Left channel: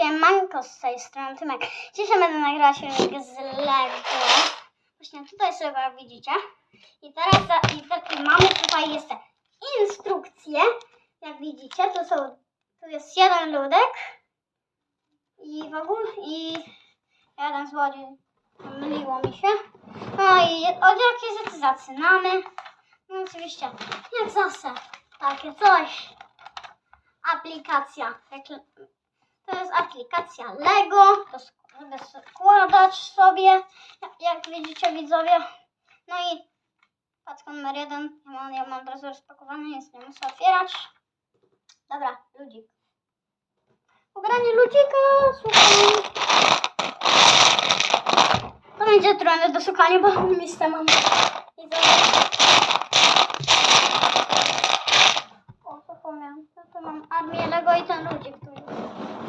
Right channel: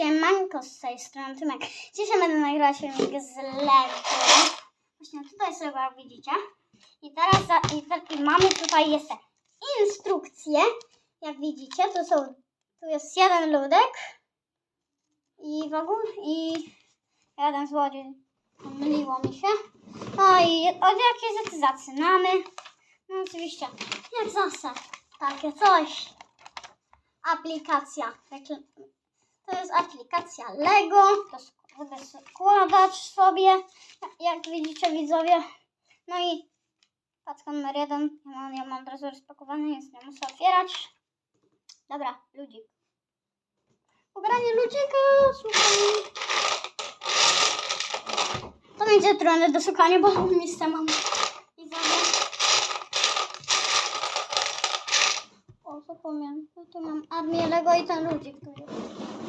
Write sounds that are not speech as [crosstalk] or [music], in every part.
Siemanko z tej strony Tymek. Dzisiaj będę nagrała filmik z Lego. Właśnie tutaj sobie widzicie. I teraz za, i, te- i mamy tutaj jeszcze instrukcje. Jak widzicie, to są, tu jest jeden ludek i w ogóle i jeden złodziej. Myliło mi się. No i od jakiej rzeczy zaczynamy? No oczywiście, jak zawsze, takie coś. Aplikacja. To jest aplikacja Lego. To składać sobie, jak widzicie widzowie. No i paczka numer jeden. Ja mam, ja mam od razu rozpakowany, więc nie muszę otwierać. Dobra, ludzik. Ubranie ludzika, słuchaj. To będzie trudne do szukania, bo miejsca mam. O, zapomniałam. Ja tu mam armię Lego i ten ludzik tu jest.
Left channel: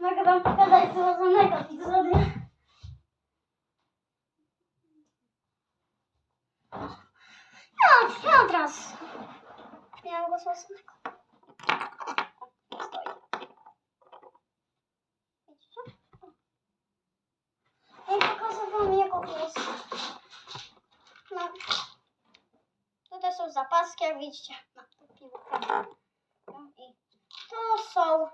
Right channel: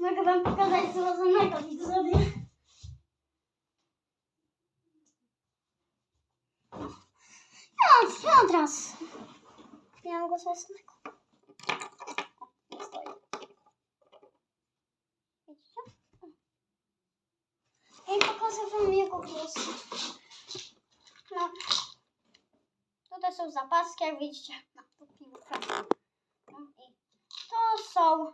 Mogę wam pokazać złożonego widzowie. Ja, ja od razu. Miałam go złożonego. Stoi. Widzicie? Pokażę wam jego głos. No. Tutaj są zapaski, jak widzicie. No, tu piłka. No i to są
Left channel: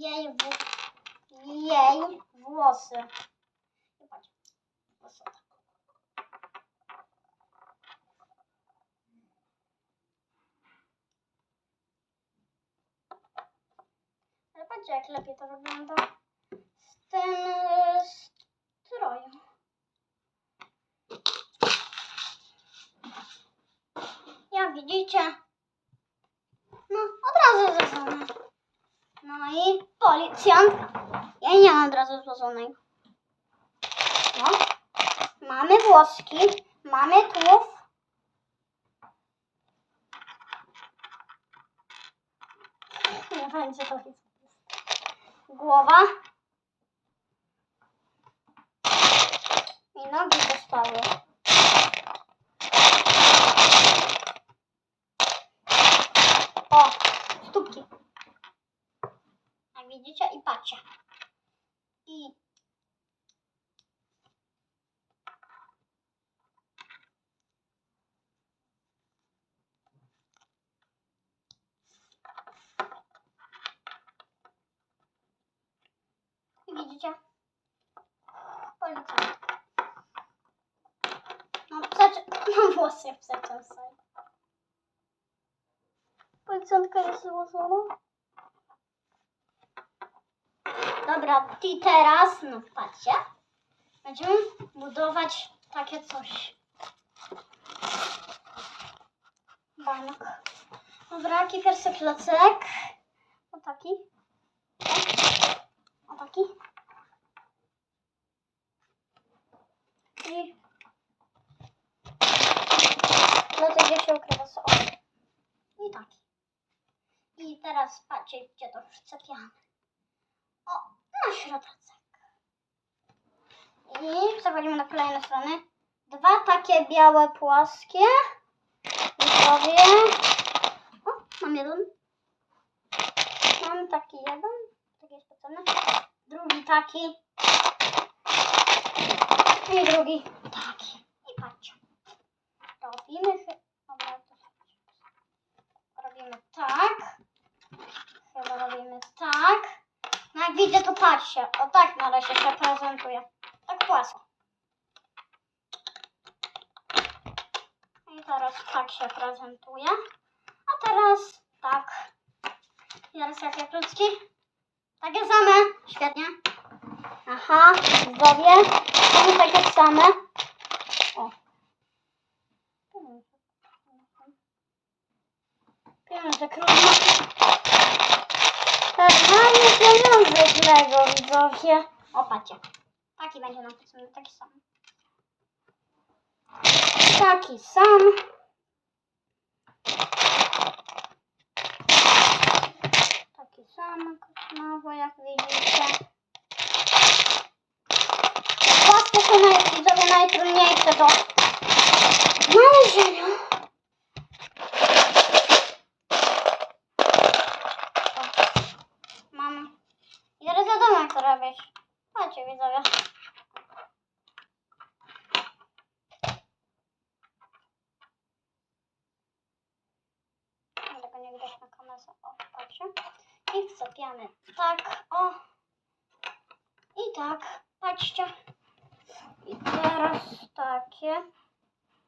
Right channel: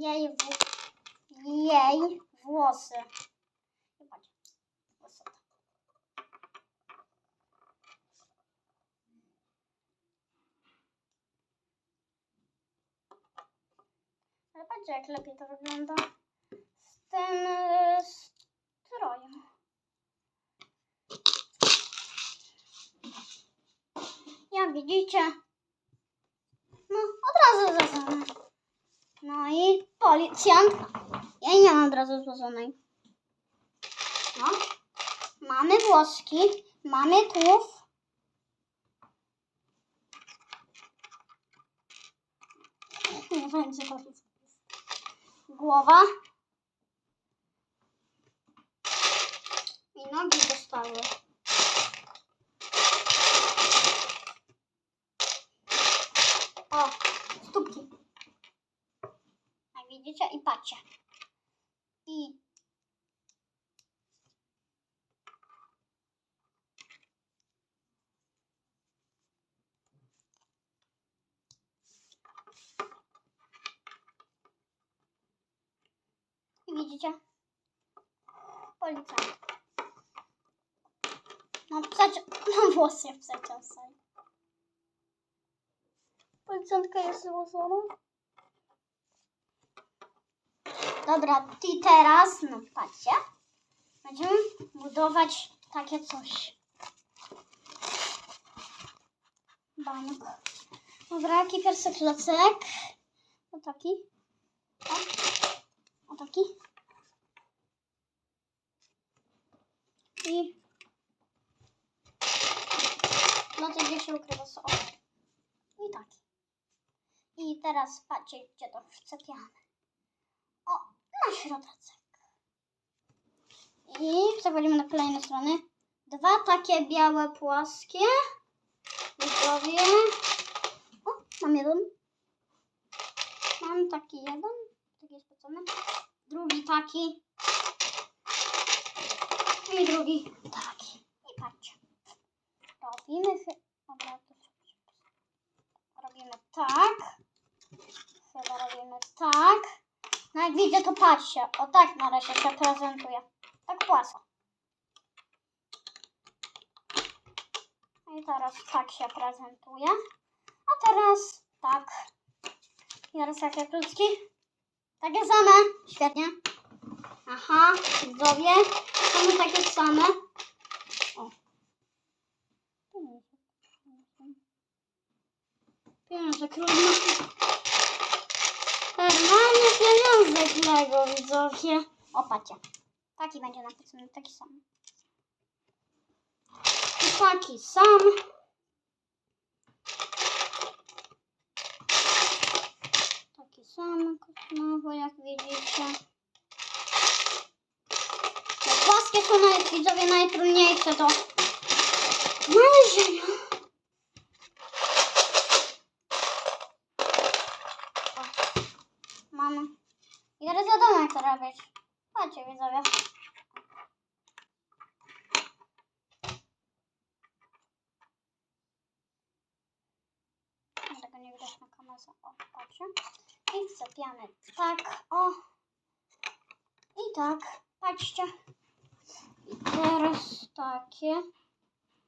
jej, w... jej włosy. Zobacz. Włosy. Patrzcie, jak lepiej to wygląda z tym e, strojem. Jak widzicie, no od razu złożone. No i policjant. Ja nie mam od razu złożonej. No. Mamy włoski, mamy tułów. [laughs] Nie będzie to jest. Głowa. I nogi dostały. O, stópki. Jak widzicie i patrzcie. I widzicie? Policjant. Mam przecież, mam [laughs] włosy jak przecież sobie. Policjantka jest złożona. Dobra, i teraz, no patrzcie, będziemy budować takie coś. Bańok. Dobra, jaki pierwszy klocek? O taki. O, o taki. I klocek gdzie się ukrywa. O. I taki. I teraz patrzcie, gdzie to wczepiamy. Środeczek. I przechodzimy na kolejne strony. Dwa takie białe, płaskie. Widzowie. O, mam jeden. Mam taki jeden. Taki specjalny. Drugi taki. I drugi taki. I patrzcie. Robimy Dobra, to Robimy tak. Chyba robimy tak. No jak widzę, to patrzcie. O tak na razie się prezentuje. Tak płasko. I teraz tak się prezentuje. A teraz tak. I teraz jakie krótki? Takie same. Świetnie. Aha, zdrowie. Są takie same. O. Pieniądze trudno. Normalnie pieniądze Lego, widzowie. O, patrzcie. Taki będzie napisany, taki sam. Taki sam. Taki sam, znowu jak widzicie. Płaskie są naj, widzowie najtrudniejsze do znalezienia. O. mamy. I to robić. Chodźcie widzowie. No, Tego nie widać na kamerze. O, patrzcie. I wcepiamy tak, o. I tak, patrzcie. I teraz takie.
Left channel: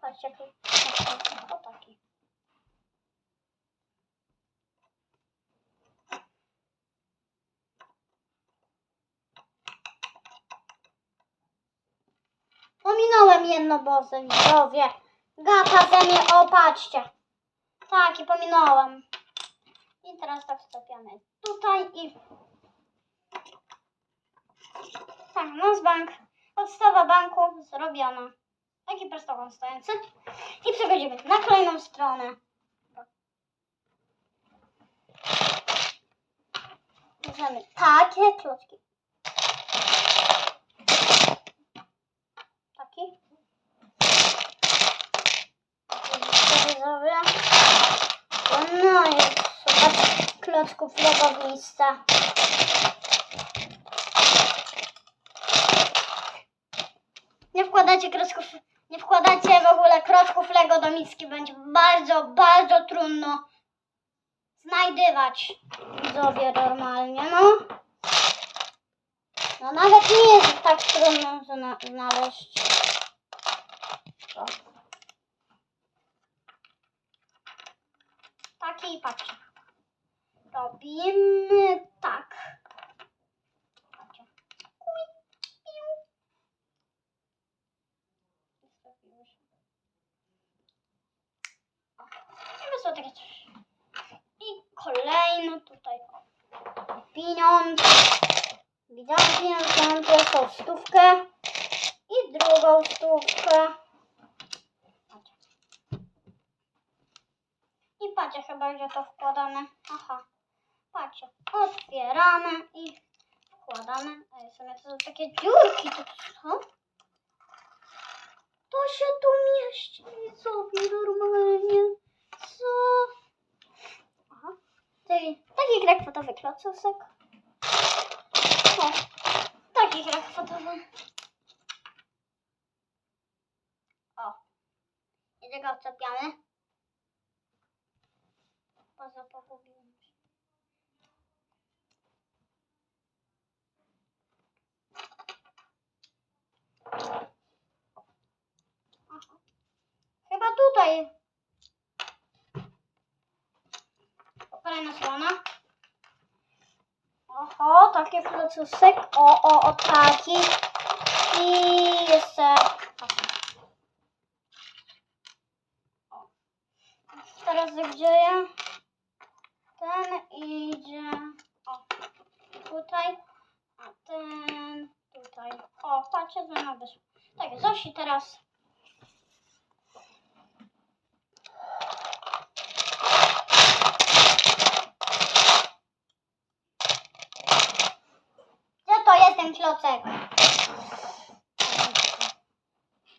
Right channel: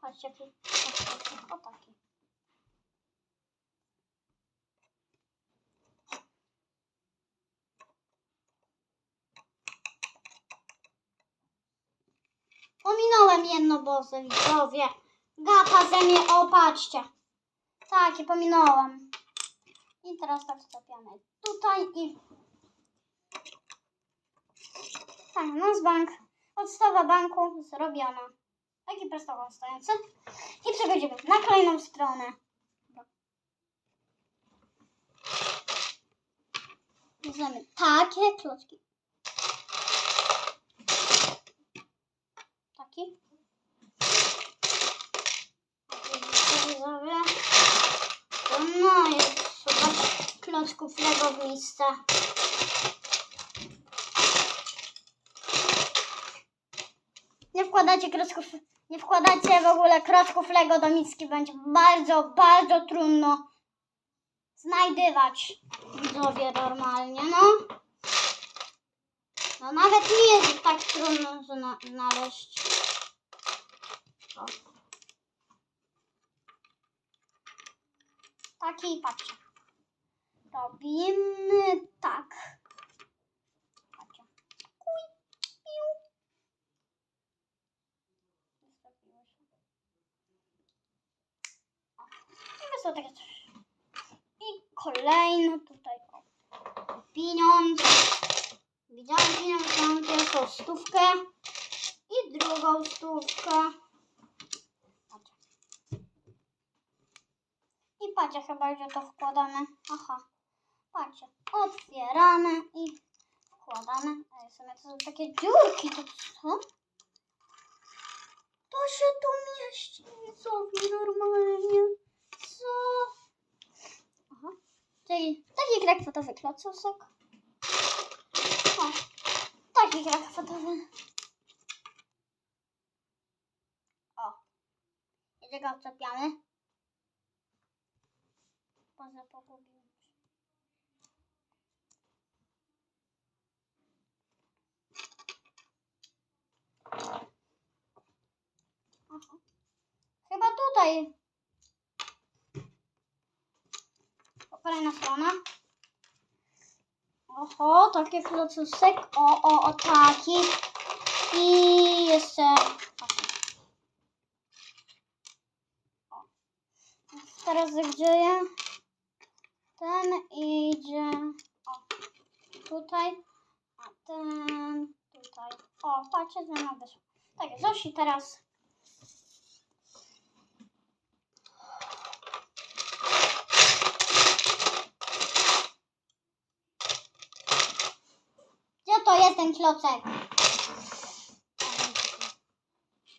Patrzcie, o taki. Pominąłem jedno widzowie. Gapa ze mnie, o patrzcie. Tak, i pominąłem. I teraz tak wstawiamy tutaj i... Tak, nasz bank. Podstawa banku zrobiona. Taki prostowo stojący. I przechodzimy na kolejną stronę. Bierzemy takie klocki. Taki. Taki widzowie. No jest Lego w miejsce. Nie wkładacie klocków, nie wkładacie w ogóle klocków Lego do miski. Będzie bardzo, bardzo trudno znajdywać widzowie normalnie, no. No nawet nie jest tak trudno zna znaleźć. O. Taki patrzcie. Robimy tak. I takie coś. I kolejny tutaj. O. Pieniądz. Widziałam pieniądz, mam pierwszą stówkę. I drugą stówkę. I patrzcie chyba, gdzie to wkładamy. Aha. Patrzcie. Otwieramy i wkładamy. A są to takie dziurki. To co? To się tu mieści. Widzowie, normalnie. Co? Aha. Czyli taki grek fotowy klocusek. O. Taki grek fotowy. O. I tego wczepiamy. Poza pogubiłem Chyba tutaj. O, Kolejna strona. Oho, taki flocusek. O, o, o, taki. I jeszcze. Teraz gdzie ja? Ten idzie. O. Tutaj. A ten tutaj. O, patrzcie, zmiana wyszła. Tak, Zosi teraz. Gdzie to jest ten klocek?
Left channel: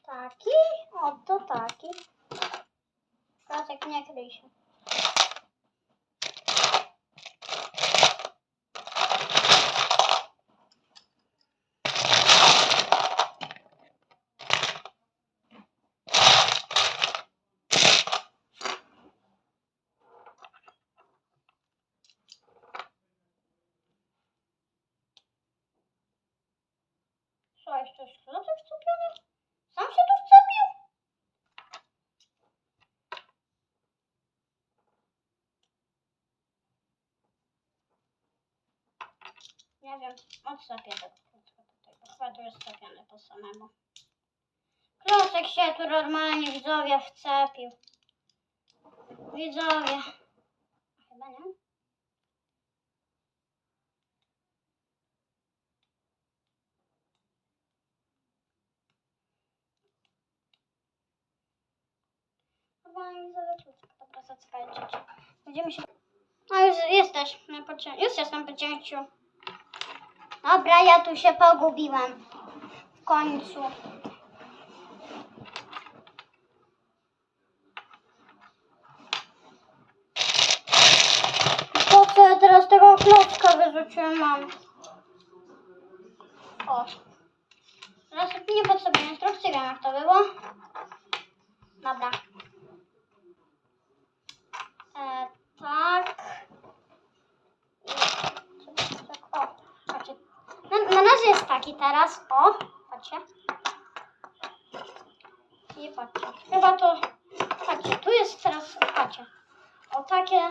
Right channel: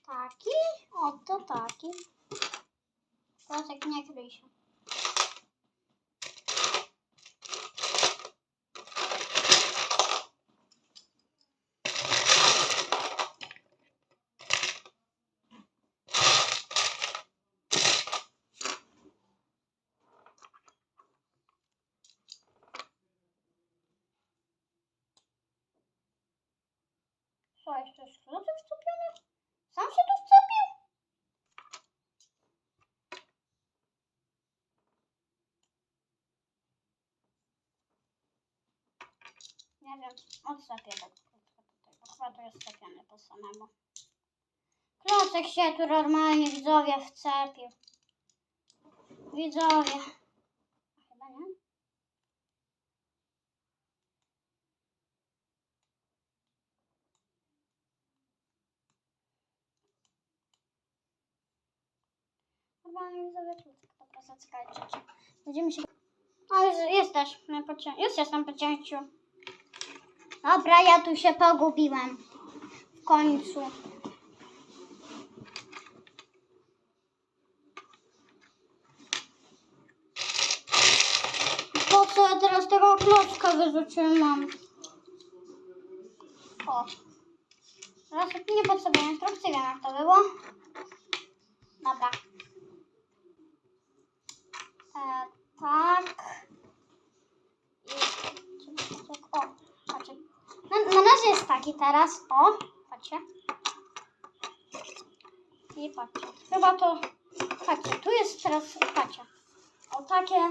Taki? Oto taki. Klocek nie kryj się. Co, jeszcze jest klocek wczepiony? Sam się tu wcepił? Nie tego klocka tutaj, bo chyba to jest wcepiony po samemu. Klocek się tu normalnie widzowie wcepił. Widzowie. Chyba nie? Normalnie widzowie klocek. Dobra, zaczekajcie. Będziemy się... A już jesteś. na pocie- Już jestem po cięciu. Dobra, ja tu się pogubiłam. W końcu. Po co ja teraz tego klocka wyrzuciłem mam. O. Teraz nie potrzebuję instrukcji, wiem jak to było. Dobra. E, tak. I, tak, o, patrzcie. Jest taki teraz. O, patrzcie. I patrzcie. Chyba to, patrzcie, tu jest teraz, patrzcie. O takie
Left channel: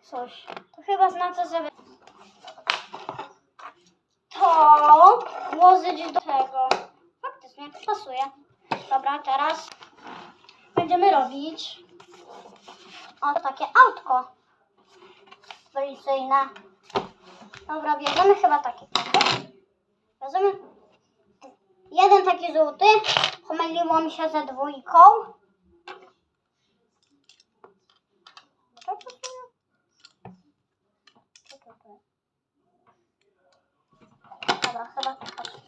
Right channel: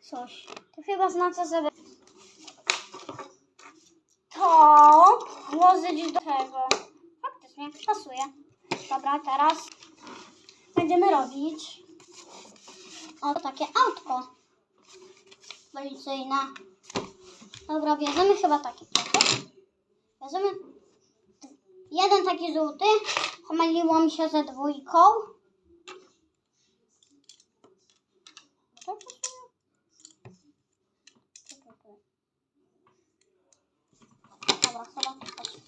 coś. To chyba znaczy, żeby to włożyć do tego. Faktycznie, pasuje. Dobra, teraz będziemy robić o takie autko policyjne. Dobra, bierzemy chyba takie. Bierzemy jeden taki żółty. Pomyliło mi się ze dwójką. Dobra, chyba pasuje.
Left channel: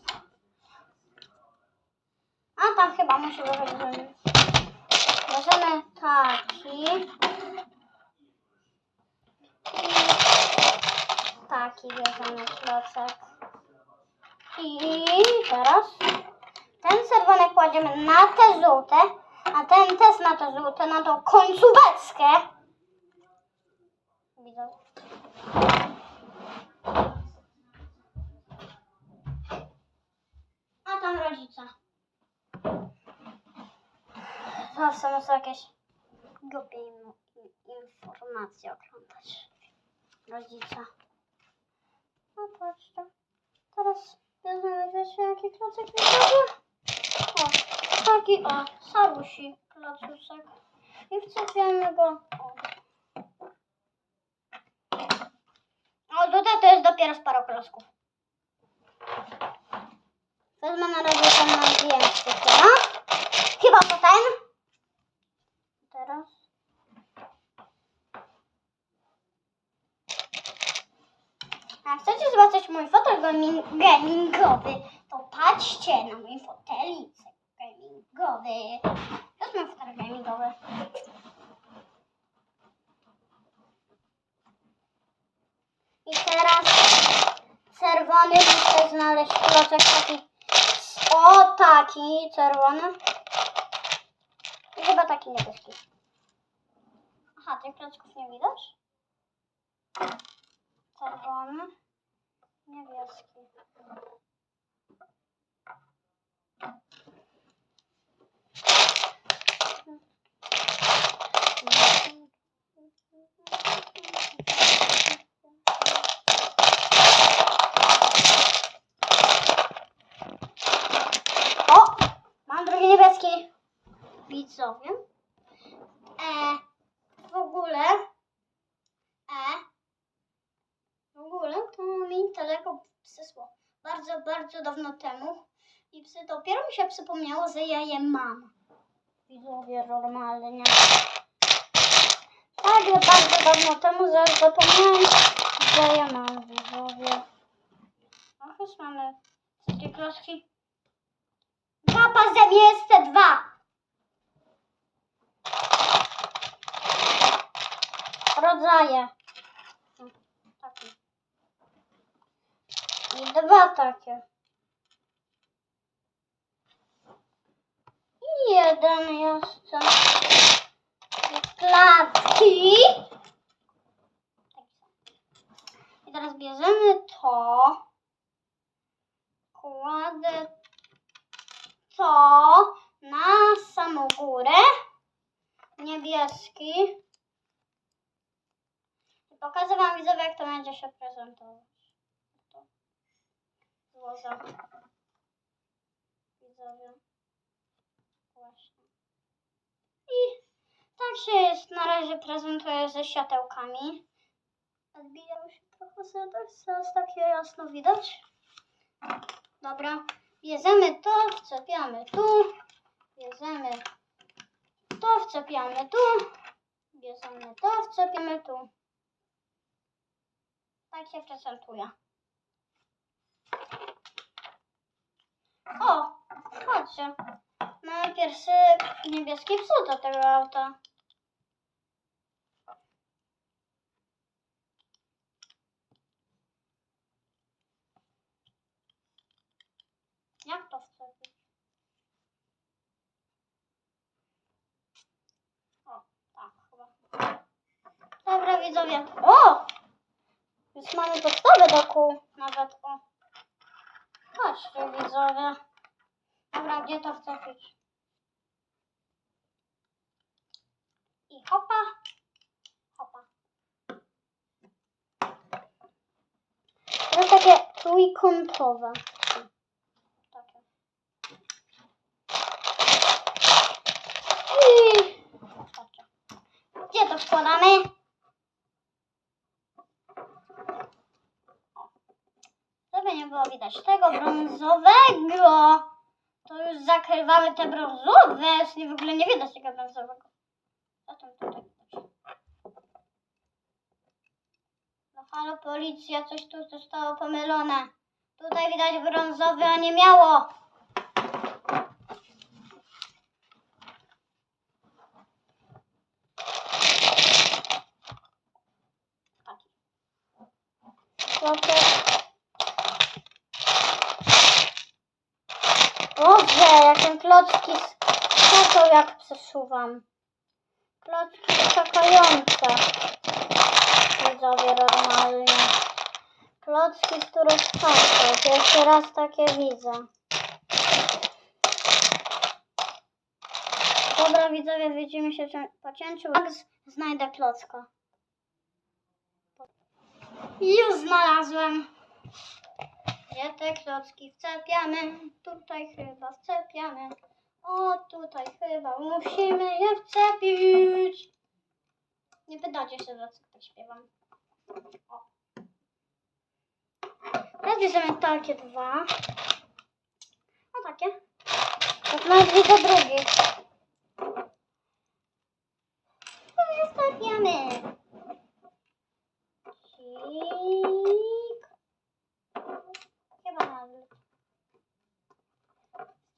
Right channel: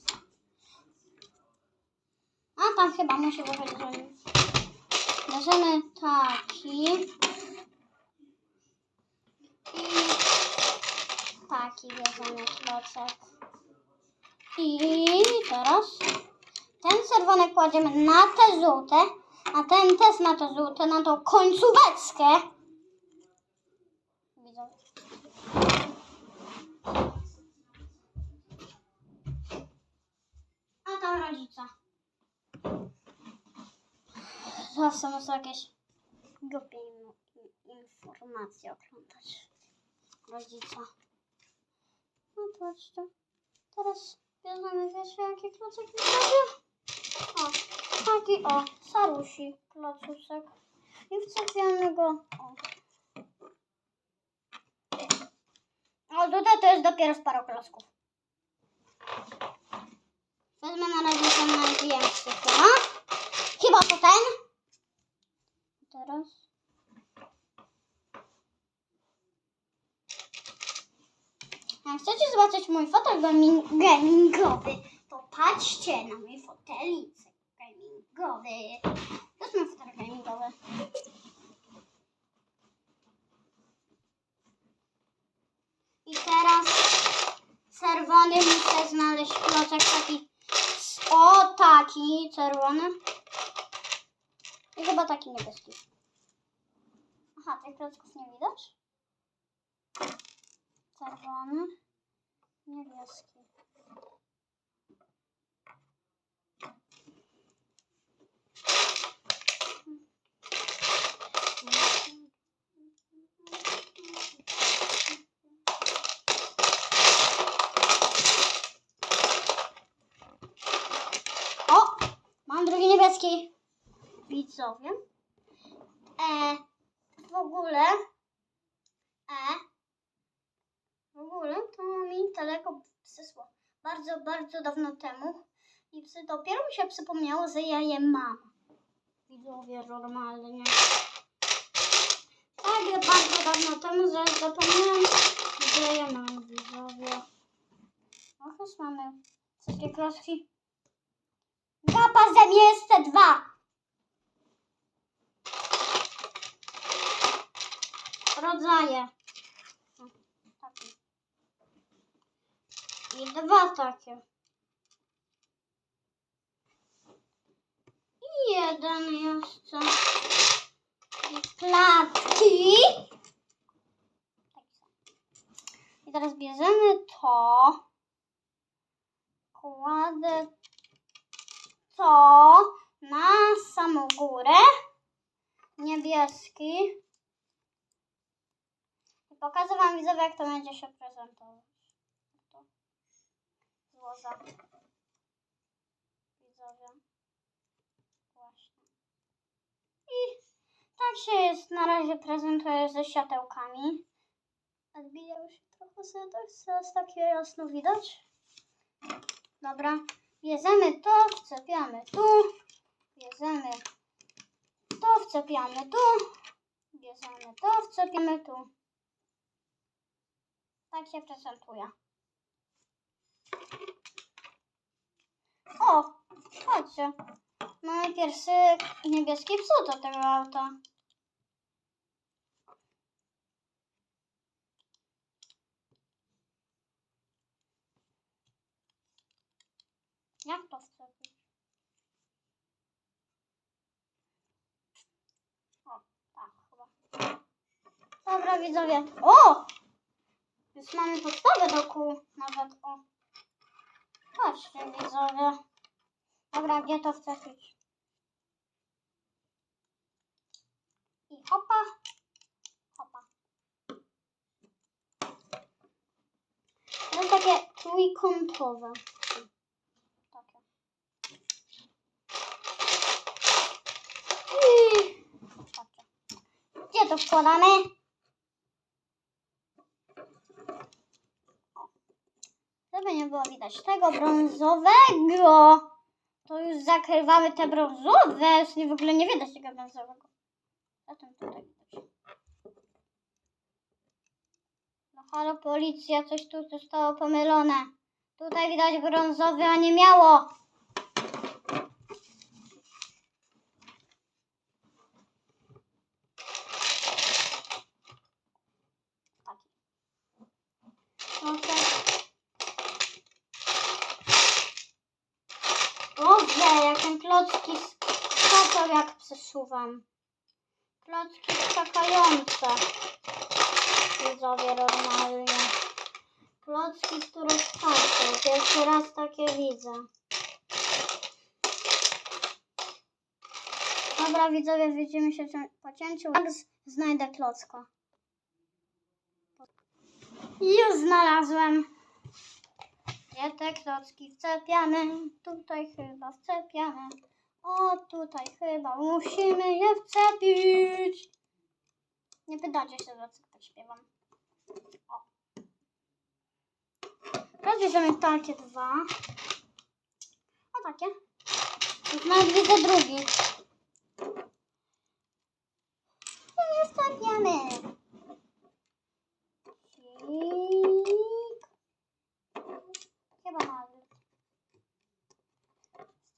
A tam chyba musi żeby... Bierzemy taki. I taki bierzemy klocek. I teraz ten czerwony kładziemy na te żółte, a ten też na te żółte, na tą końcóweczkę. Widzą. A tam rodzica. Zawsze muszę jakieś głupie informacje oglądać. Rodzica. No patrzcie. Teraz bierzemy wiecie jaki klocek mi zrobię? O, taki o, sarusi klocuszek. I wczepiamy go. O. tutaj to jest dopiero z paru klocków. Wezmę na razie ten największy chyba. Chyba to ten. Teraz. A chcecie zobaczyć mój fotel gaming- gamingowy, to patrzcie na mój fotelicek gamingowy. To jest mój fotel gamingowy. I teraz czerwony muszę znaleźć klocek taki. O, taki czerwony. I chyba taki niebieski. Aha, tych klocków nie widać? Czerwony, niebieski. O! Mam drugi niebieski. Widzowie. E, w ogóle. E, w ogóle to mi daleko przysło. Bardzo, dawno temu. I psy, dopiero mi się przypomniało, że ja je mam. Widzowie, normalnie. Tak, bardzo dawno temu, że zapomniałem, że ja mam widzowie. Och, już mamy wszystkie klocki. Dwa pazem jest dwa. Rodzaje. I dwa takie. I jeden jeszcze. I klatki. I teraz bierzemy to. Kładę to na samą górę. Niebieski. I pokażę Wam widzowie, jak to będzie się prezentować. To złożę. Widzowie. Właśnie. I tak się jest, na razie prezentuje ze światełkami. Odbijały się trochę setek, teraz takie jasno widać. Dobra, bierzemy to, wczepiamy tu, bierzemy to, wczepiamy tu, bierzemy to, wczepiamy tu. Tak się prezentuje. O, chodźcie. Mamy pierwszy niebieski przód do tego auta. Jak to wcepić? O, tak chyba. Dobra widzowie. O! Już mamy podstawę do kół. Nawet o. Patrzcie widzowie. Dobra, gdzie to wcepić? I hopa. Hopa. To jest takie trójkątowe. Takie. I... Patrzcie. Gdzie to wkładamy? Żeby nie było widać tego brązowego, to już zakrywamy te brązowe. Już w ogóle nie widać tego brązowego. Zatem tutaj widać. No halo policja, coś tu zostało pomylone. Tutaj widać brązowy, a nie miało. Taki. Klocek. Boże, ten klocki skakał jak przesuwam. Klocki skakające. Widzowie normalnie. Klocki, które skaczą. Pierwszy raz takie widzę. Dobra widzowie, widzimy się po cięciu. Jak znajdę klocka. Już znalazłem. Gdzie te klocki wcepiamy? Tutaj chyba wcepiamy. O, tutaj chyba musimy je wcepić. Nie pytacie się, tak śpiewam. O. Teraz bierzemy takie dwa. O, takie. To nawet widzę drugi. I wstawiamy. Cik. Chyba na odwrót.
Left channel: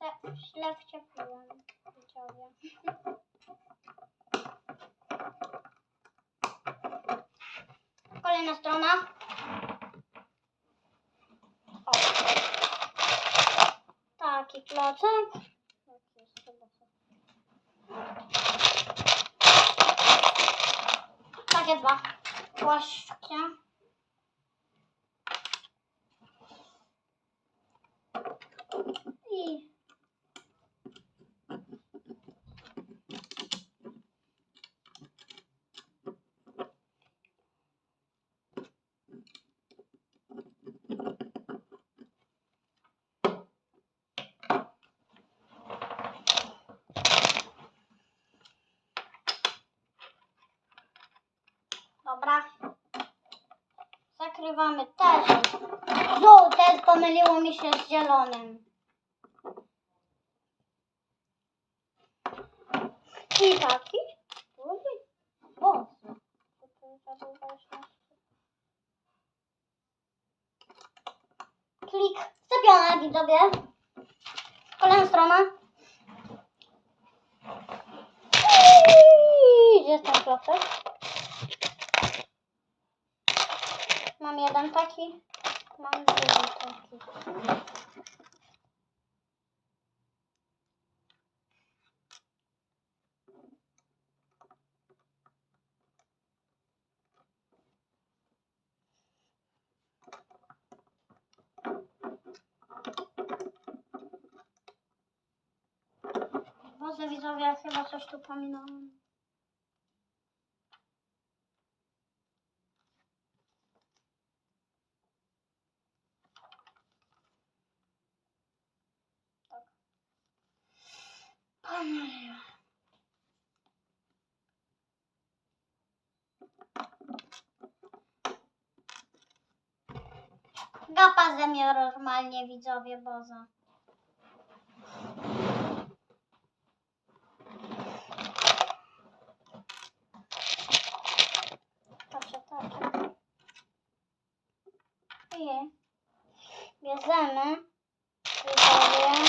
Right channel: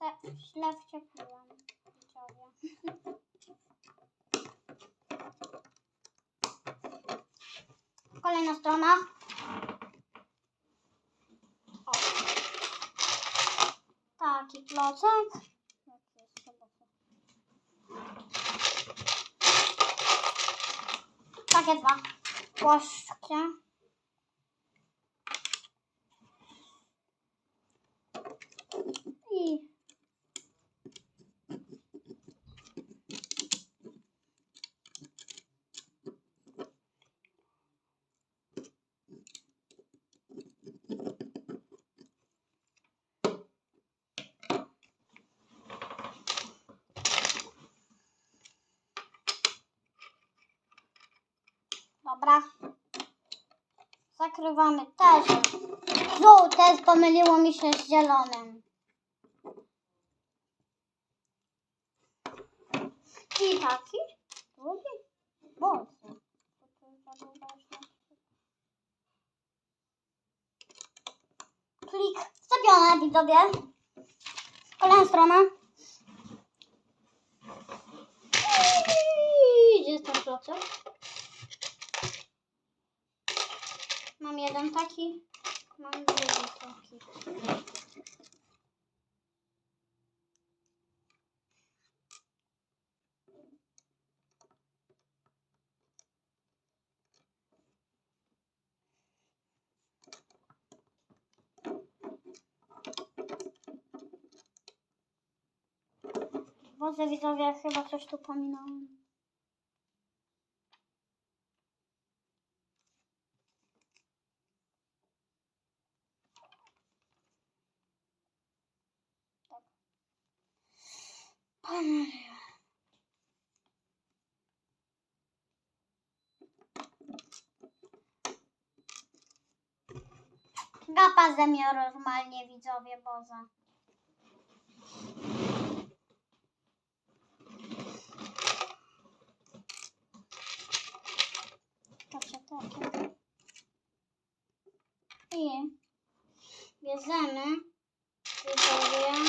Źle- Źle wczepiłem. Widzowie. Kolejna strona. O. Taki klocek. Jak jest chyba to? Takie dwa. Płaszczkie. I Dobra. Zakrywamy też. Żółte pomyliło mi się z zielonym. I taki. Drugi. O. To tu za długo już nie- Klik. Wstawione, widzowie. Kolejna strona. I Gdzie jest ten klocek? Mam jeden taki, mam drugi taki. Boże widzowie, chyba coś tu pominąłem. Gapa ze mnie normalnie widzowie Boza. Patrzcie, takie. I bierzemy widzowie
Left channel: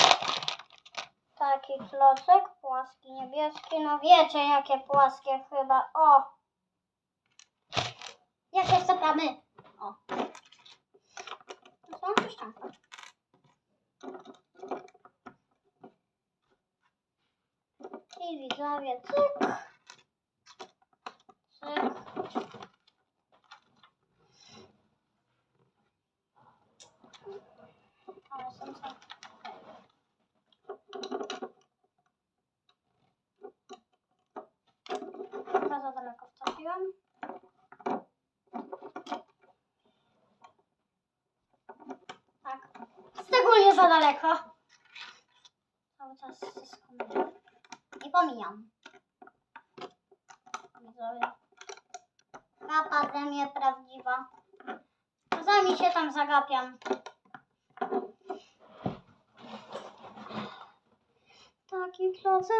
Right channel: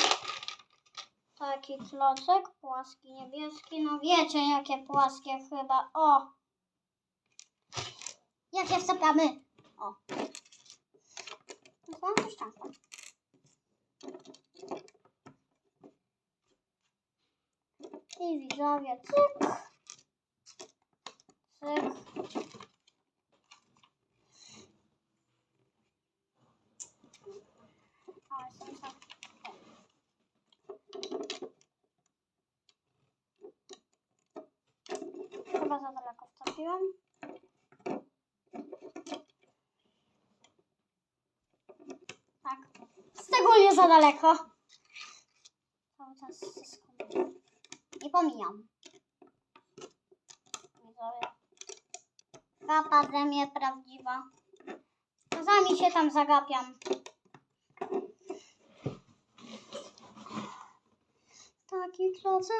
taki klocek, płaski, niebieski. No wiecie jakie płaskie chyba. O! Jakie wstawiamy? O mam tu szczęka. I widzowie, cyk. Cyk. Ale. Tak Chyba za daleko wtopiłam. Za daleko. Cały czas ściskam. Nie pomijam. Kapa ze mnie prawdziwa. Czasami się tam zagapiam. Taki klocek,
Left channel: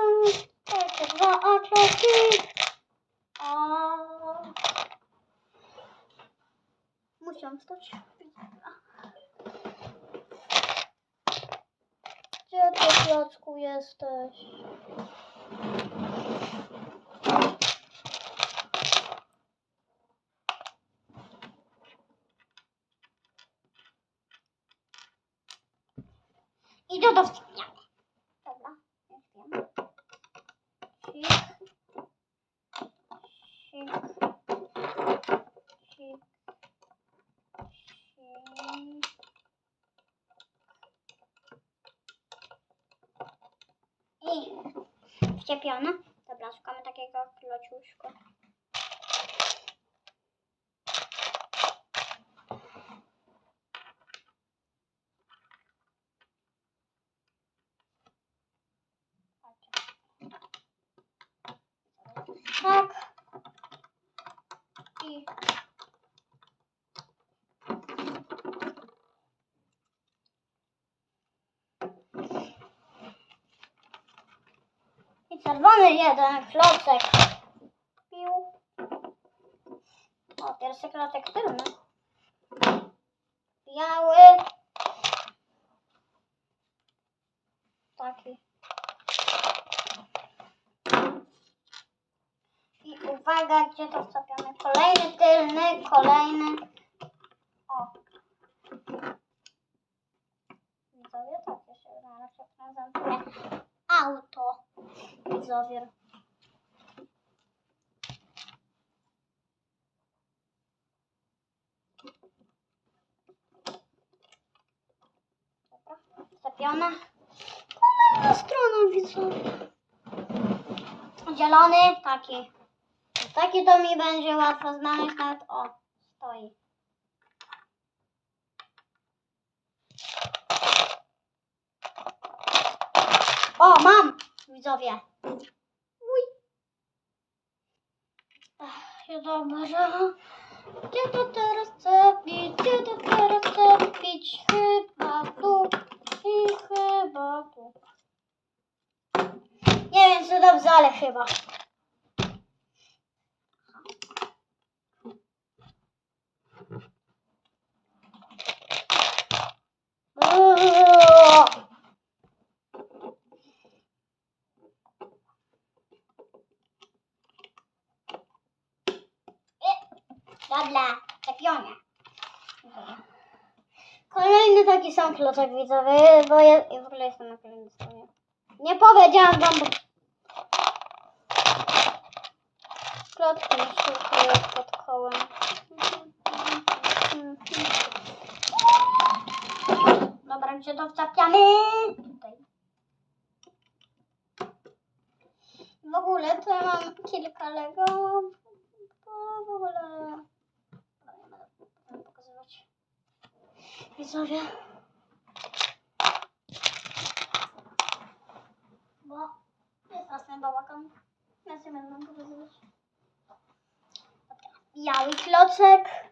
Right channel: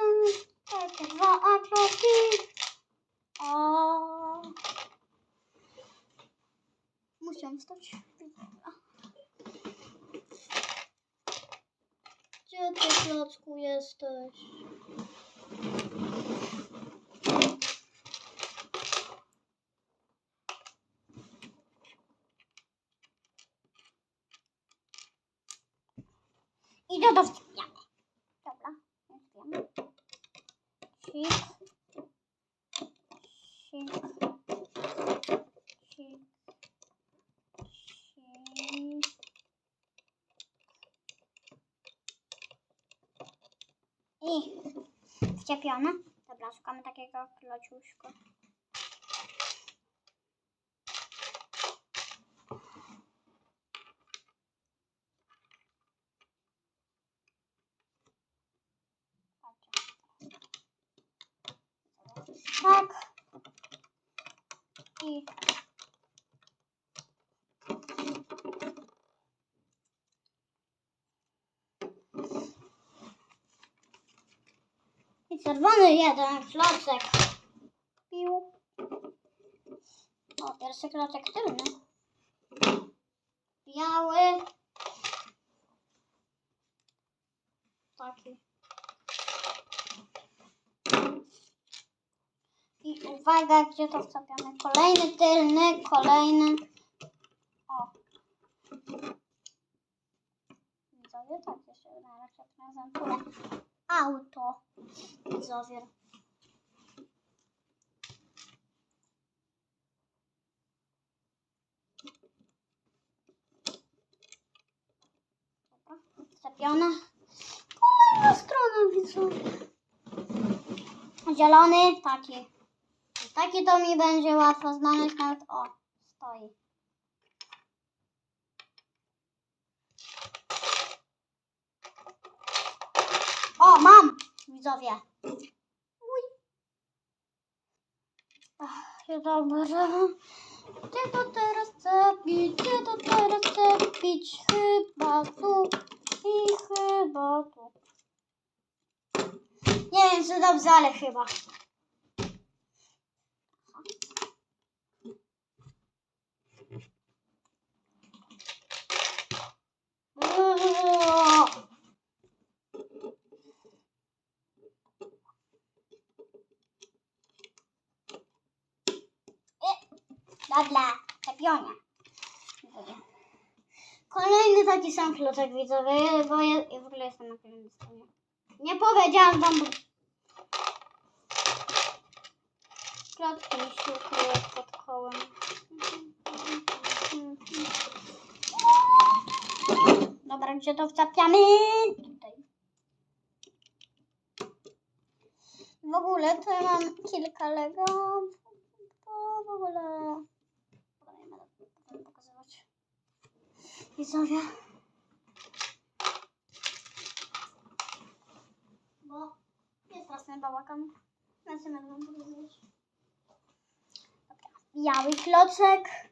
takie dwa kloki. O. Musiałam wstać. Gdzie ty, klocku, jesteś? Idę do wstawiamy. Dobra, już wiem. Sik. Wczepione. Dobra, szukamy takiego klociuszka. Patrzcie. Tak. I I czerwony jeden klocek. Pił. O, pierwszy klocek tylny. Biały. Taki. I uwaga, gdzie to wstawiamy. Kolejny tylny, kolejny. O. Widzowie, tak jeszcze raz się prezentuję. Auto. Widzowie. Dobra, wstawione. Kolejna strona, widzowie. Zielony, taki. Taki to mi będzie łatwo znaleźć, nawet o, stoi. O, mam! Widzowie. Uj. Ach, dobra. Gdzie to teraz cepić? Gdzie to teraz cepić? Chyba tu i chyba tu. Nie wiem, czy dobrze, ale chyba. Uuu. Dobra, czepionie. Kolejny taki sam klocek widzowy, bo ja, w ogóle jestem na kolejnej stronie. Nie powiedziałam wam, bo... Klocki mi szukają pod kołem. Dobra, gdzie to wczepiamy? Tutaj. W ogóle to ja mam kilka Lego. W ogóle... Dobra, nie będę potem pokazywać. Widzowie. Bo jest straszny bałagan. Się będę pokazywać. Dobra. Biały klocek.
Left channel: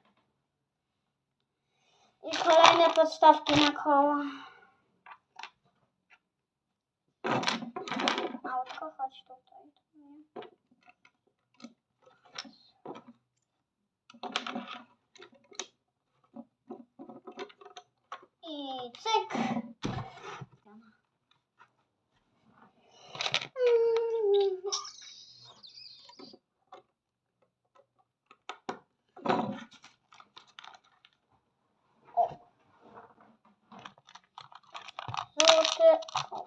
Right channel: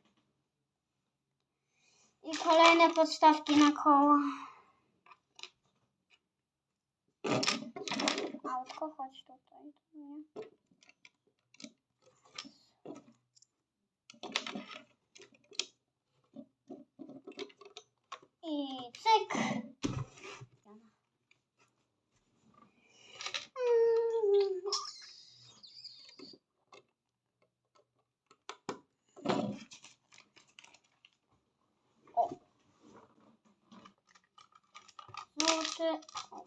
I kolejne podstawki na koło. Autko, chodź tutaj. I cyk.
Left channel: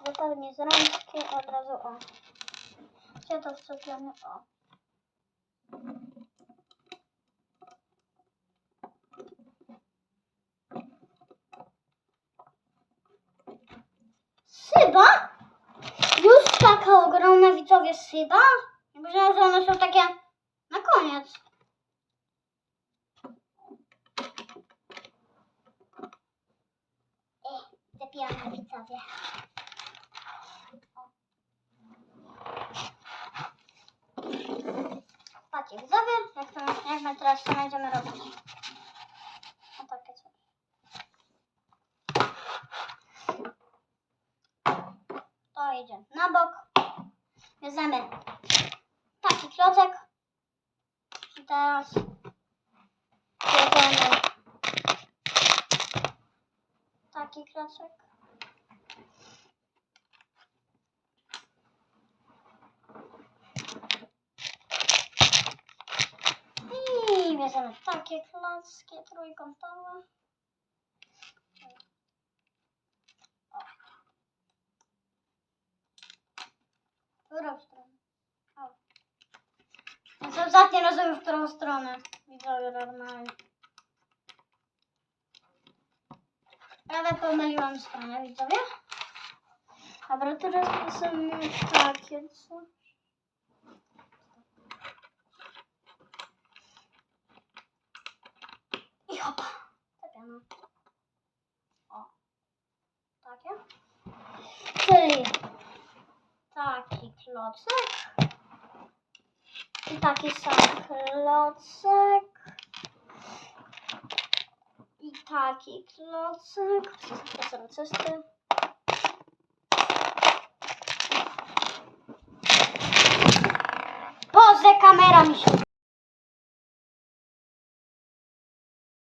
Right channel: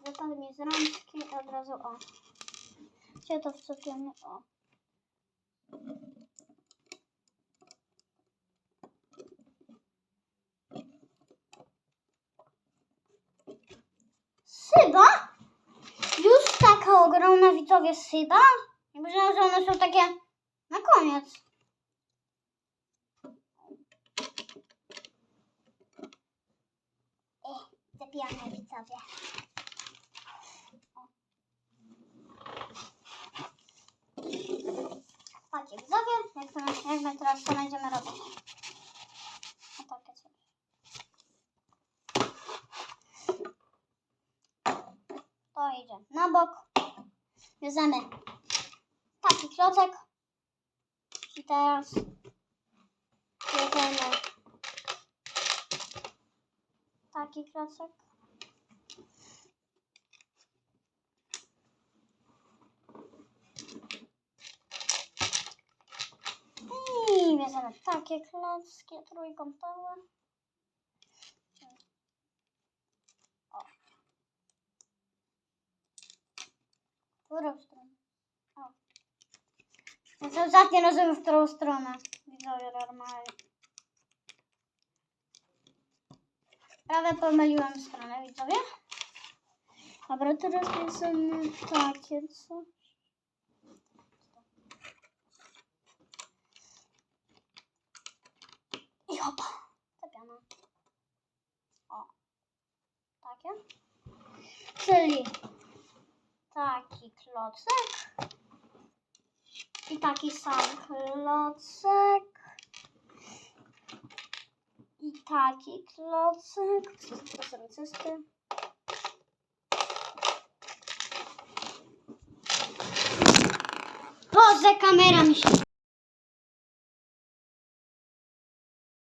Wypadł mi z rączki od razu o. Gdzie to wczepione? O. widzowie syba? Ja myślałam, że one są takie na koniec. Zabijamy widzowie. Patrzcie, widzowie, jak, to, jak my teraz to będziemy robić. O takie coś. To idzie na bok. Bierzemy taki klocek. Teraz bierzemy taki klocek. I bierzemy takie klocki trójkątowe. O. W którą stronę? O. Więc ostatnio rozumiem, w którą stronę. Widzowie normalnie. Prawie pomyliłam stronę, widzowie. Dobra, teraz bierzemy takie coś. I hopa. Tapiamy. O. Takie. Czyli taki klocek. I taki sam klocek. I taki klocek. Przezroczysty. Boże, kamera mi się